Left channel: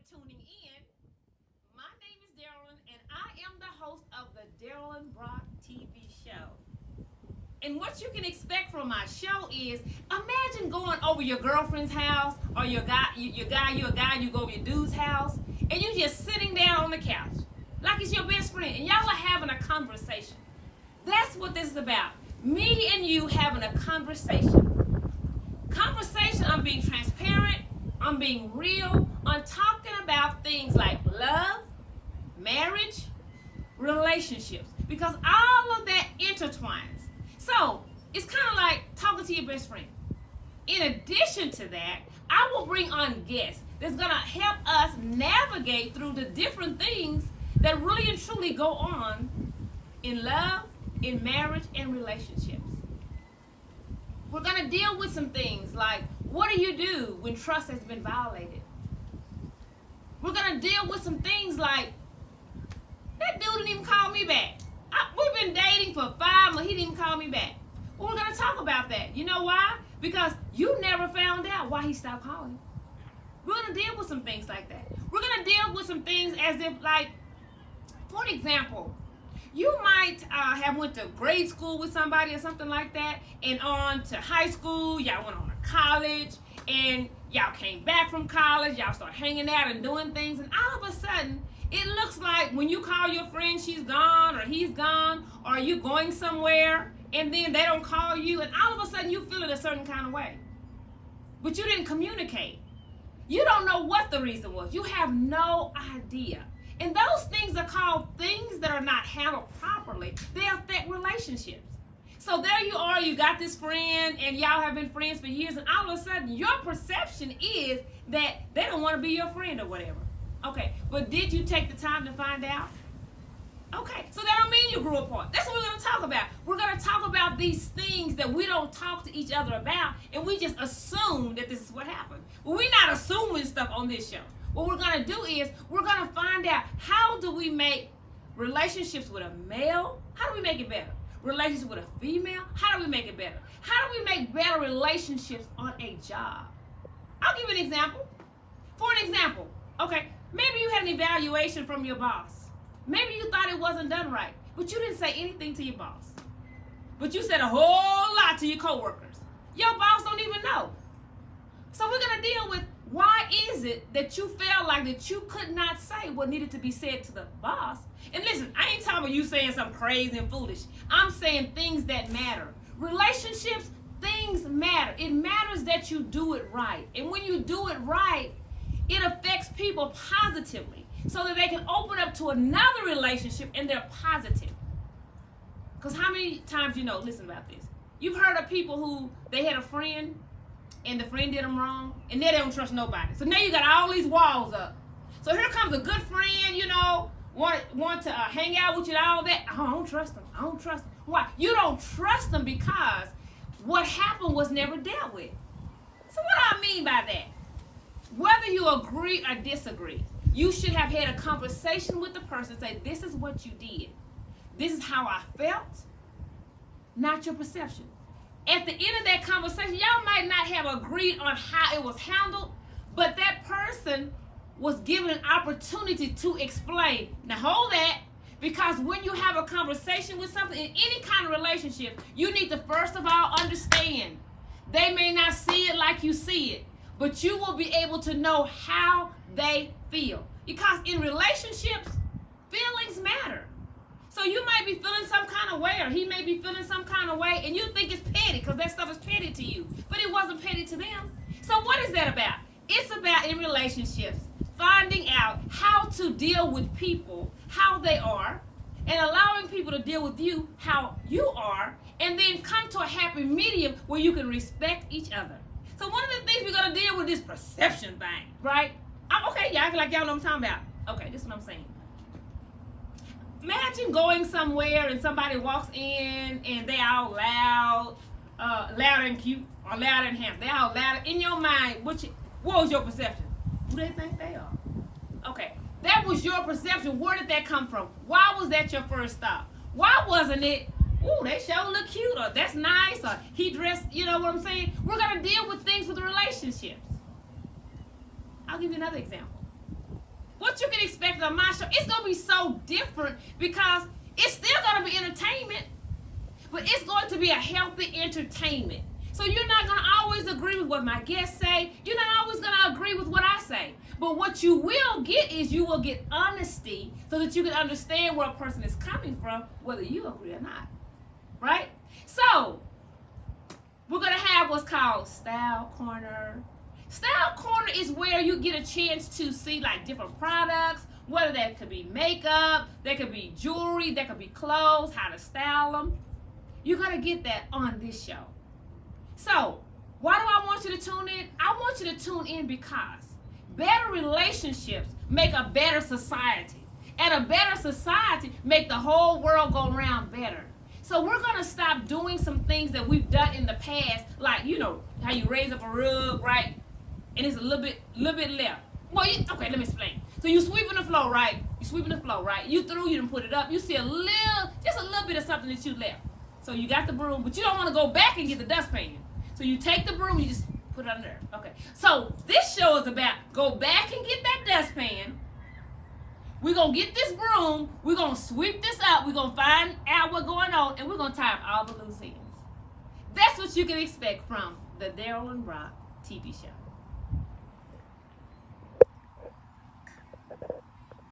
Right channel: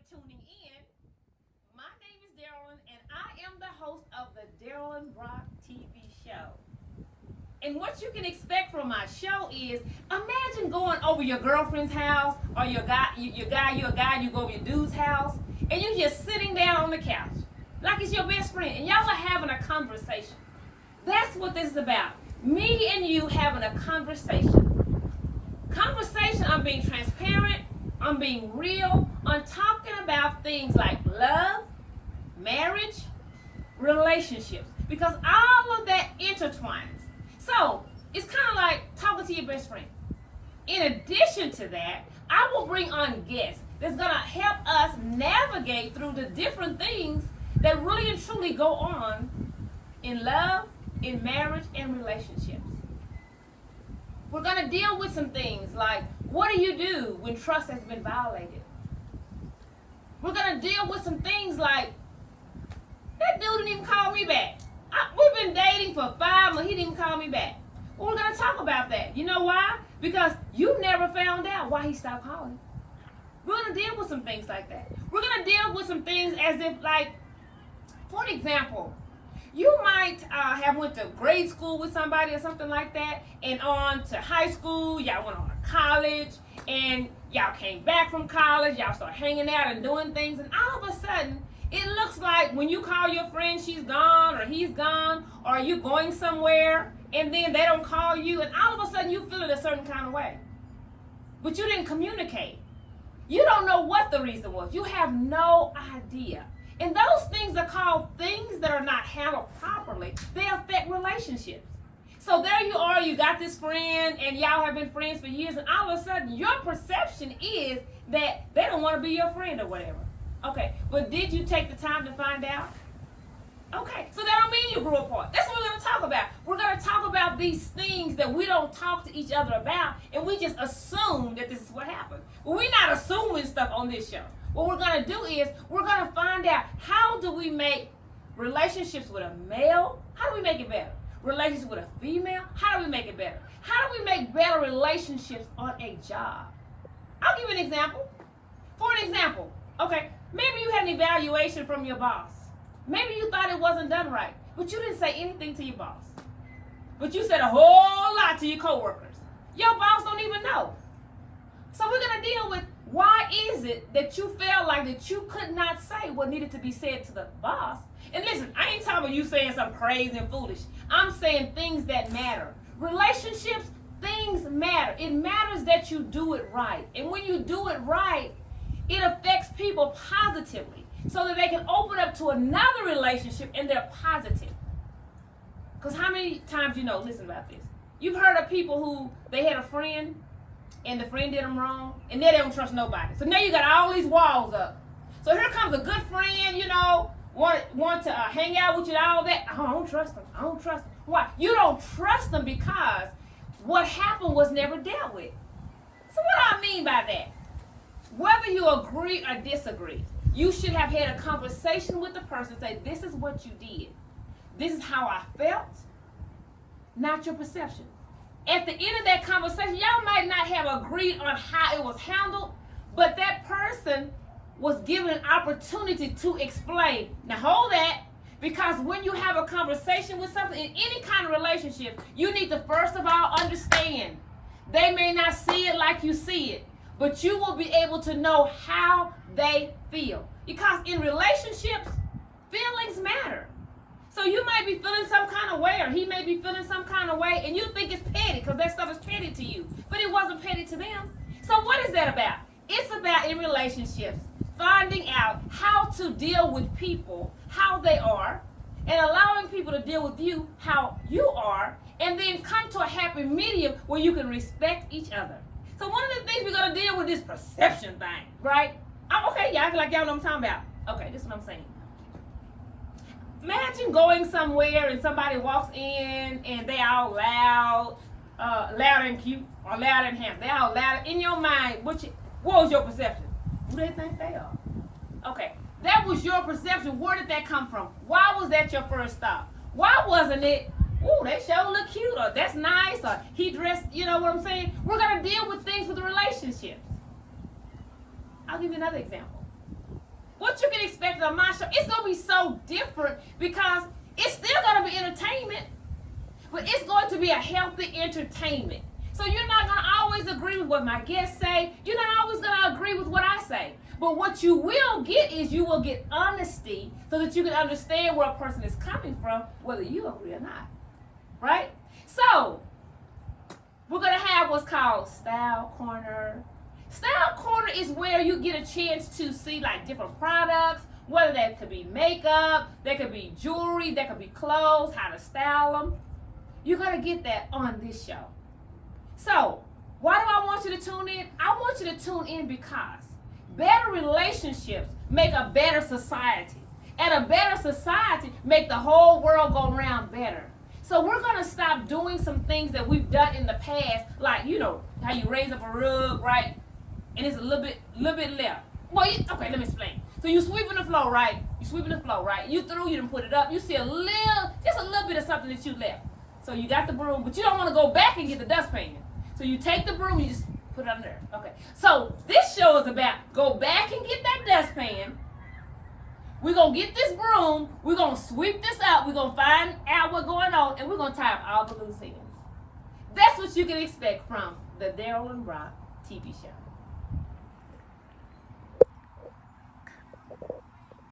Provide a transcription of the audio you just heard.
for tuning in. My name is Darolyn, and I am the host of the Darolyn Rock TV show. And what you can expect from my show is, imagine going over your girlfriend's house or your guy, you go over your dude's house, and you're just sitting down on the couch like it's your best friend, and y'all are having a conversation. That's what this is about. Me and you having a conversation. Conversation, I'm being transparent, I'm being real, I'm talking about things like love, marriage, relationships, because all of that intertwines. So it's kind of like talking to your best friend. In addition to that, I will bring on guests that's going to help us navigate through the different things that really and truly go on in love, in marriage, and relationships. We're going to deal with some things like, what do you do when trust has been violated? We're going to deal with some things like, that dude didn't even call me back. We've been dating for 5 months, he didn't even call me back. Well, we're going to talk about that. You know why? Because you never found out why he stopped calling. We're going to deal with some things like that. We're going to deal with some things as if, like, for example, you might have went to grade school with somebody or something like that, and on to high school, y'all went on to college, and y'all came back from college, y'all start hanging out and doing things, and all of a sudden, it looks like when you call your friend, she's gone, or he's gone, or you going somewhere, and then they don't call you, and all of a sudden you feel it a certain kind of way. But you didn't communicate. You don't know what the reason was. You have no idea. And those things are called things that are not handled properly. They affect relationships. So there you are, you got this friend, and y'all have been friends for years, and all of a sudden your perception is that they don't want to be your friend or whatever. Okay, but did you take the time to find out? Okay, so that don't mean you grew apart. That's what we're going to talk about. We're going to talk about these things that we don't talk to each other about, and we just assume that this is what happened. Well, we're not assuming stuff on this show. What we're going to do is we're going to find out, how do we make relationships with a male, how do we make it better? Relationships with a female, how do we make it better? How do we make better relationships on a job? I'll give you an example. For an example, okay, maybe you had an evaluation from your boss. Maybe you thought it wasn't done right, but you didn't say anything to your boss. But you said a whole lot to your coworkers. Your boss don't even know. So we're going to deal with, why is it that you felt like that you could not say what needed to be said to the boss? And listen, I ain't talking about you saying something crazy and foolish. I'm saying things that matter. Relationships, things matter. It matters that you do it right. And when you do it right, it affects people positively so that they can open up to another relationship and they're positive. Because how many times, listen about this. You've heard of people who, they had a friend, and the friend did them wrong, and they don't trust nobody. So now you got all these walls up. So here comes a good friend, want to hang out with you and all that. Oh, I don't trust them. I don't trust them. Why? You don't trust them because what happened was never dealt with. So what do I mean by that? Whether you agree or disagree, you should have had a conversation with the person, say, this is what you did. This is how I felt, not your perception. At the end of that conversation, y'all might not have agreed on how it was handled, but that person was given an opportunity to explain. Now hold that, because when you have a conversation with something in any kind of relationship, you need to first of all understand. They may not see it like you see it, but you will be able to know how they feel. Because in relationships, feelings matter. So you might be feeling some kind of way, or he may be feeling some kind of way, and you think it's petty because that stuff is petty to you. But it wasn't petty to them. So what is that about? It's about, in relationships, finding out how to deal with people, how they are, and allowing people to deal with you how you are, and then come to a happy medium where you can respect each other. So one of the things we're going to deal with is perception thing, right? Okay, y'all act like y'all know what I'm talking about. Okay, this is what I'm saying. Imagine going somewhere and somebody walks in and they all loud, loud and cute, or loud and handsome. They all loud. In your mind, what was your perception? Who they think they are? Okay, that was your perception. Where did that come from? Why was that your first thought? Why wasn't it, ooh, they sure look cute, or that's nice, or he dressed, you know what I'm saying? We're going to deal with things with relationships. I'll give you another example. what you can expect on my show, it's going to be so different because it's still going to be entertainment, but it's going to be a healthy entertainment. So you're not going to always agree with what my guests say. You're not always going to agree with what I say. But what you will get is you will get honesty so that you can understand where a person is coming from, whether you agree or not. Right? So, we're going to have what's called Style Corner. Style Corner is where you get a chance to see like different products, whether that could be makeup, that could be jewelry, that could be clothes, how to style them. You're going to get that on this show. So, why do I want you to tune in? I want you to tune in because better relationships make a better society. And a better society make the whole world go around better. So we're going to stop doing some things that we've done in the past, like, you know, how you raise up a rug, right? And it's a little bit left. Well, okay, let me explain. So you sweeping the floor, right? You threw, you didn't put it up. You see just a little bit of something that you left. So you got the broom, but you don't want to go back and get the dustpan. So you take the broom, you just put it under there. Okay. So this show is about go back and get that dustpan. We're going to get this broom. We're going to sweep this up. We're going to find out what's going on, and we're going to tie up all the loose ends. That's what you can expect from the Darolyn Rock TV show.